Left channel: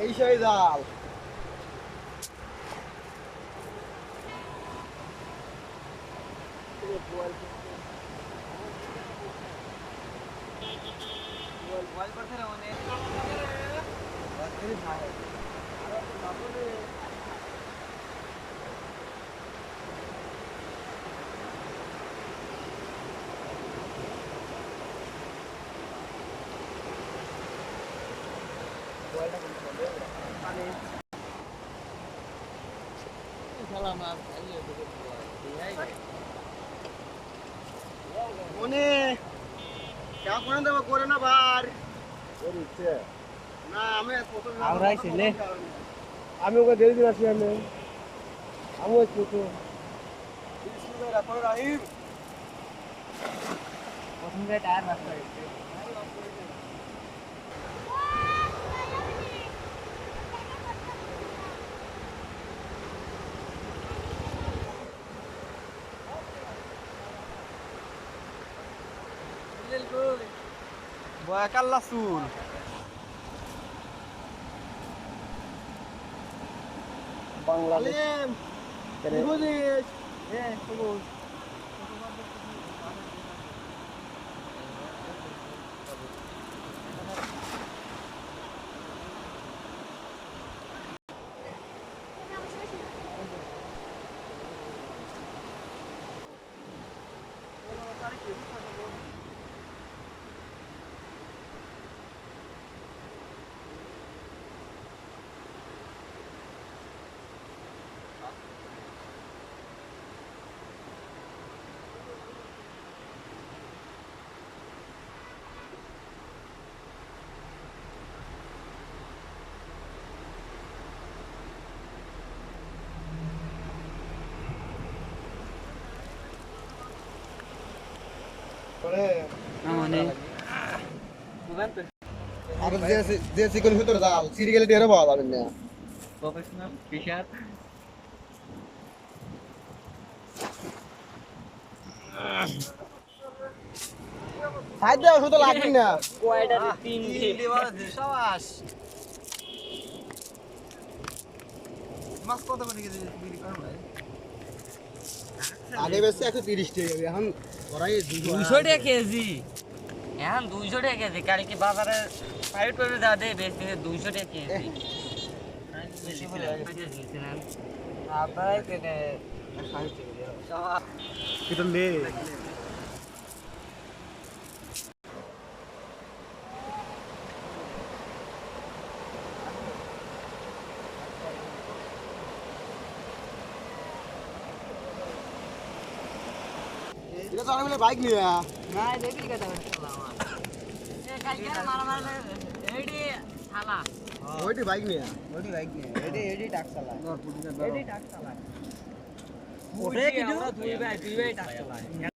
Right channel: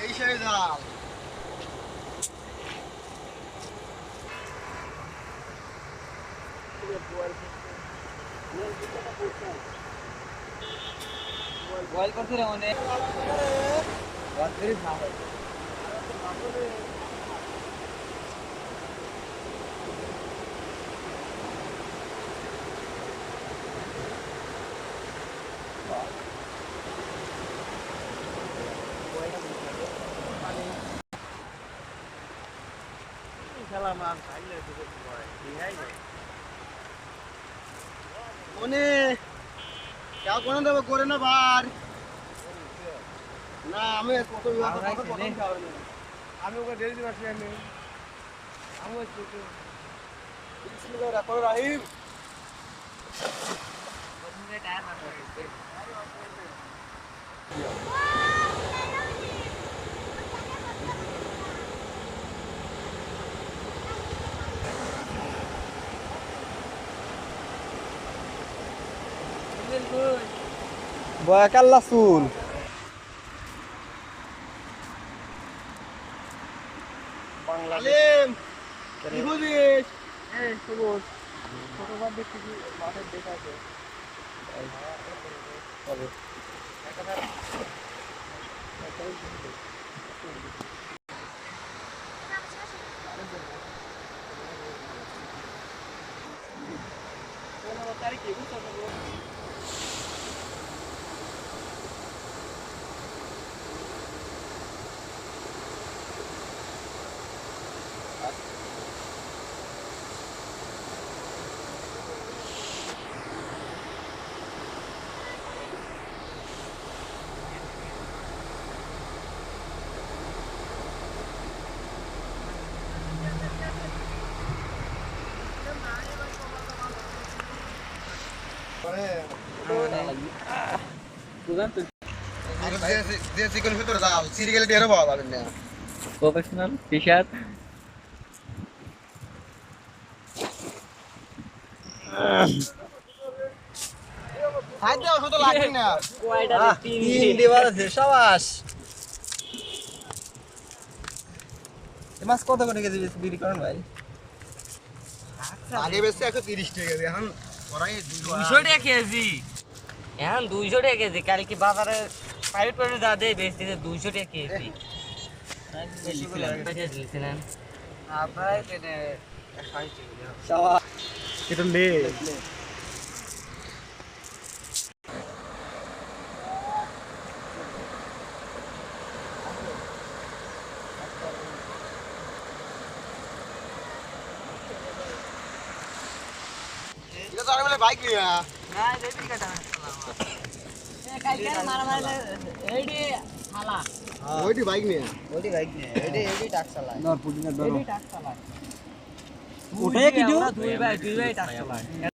এই সেই জাল বয়েল করতে রে মানে খেলা মাছ খাইলে মনে क्या कोण देव करे ना भार ना আমি কত আমি ওকে দিয়ে দিলাম আমি আমি কিছু বিসমিল্লাহির রহমানির রহিম প্রথম যে টায়ার বাসা গেছে বয়া কাল্লা চুল বাংলাদেশ কি বুঝিস সবুজ ছোটবার দেখছি মাঠের দেখাছে দেশি কোন ভিতরে যাও সিরিয়ালে টেরে পাওয়া যাবে না প্রফেশনাল ফিশার হাই দাও শুধু লাগি না কয়টা তিন দেওয়ার আছে সাবাস মাছ কত করে কেজি বিক্রি করেন ভাই আগে বেশি 130 টাকা কেজি এখন ওরাই 200 টাকা কেজি এখন 200 টাকা কেজি কাল কি বাজারে প্রাইভেট করে যা দেয় বেশি 200 টাকা কেজি বেশি বলে দিয়েছিলেন আপনারা কেনে 60 টাকা এটা লে এটা তো আরে বাইক নিয়া না দেবি কাটা কালকে মারা এইডি থালা ওইটি বাইক নিয়া এইডি টাক চালায় নরপুর দিনা এইডি টাক চালায় উঠে কি দুই ভাই টাক চালায়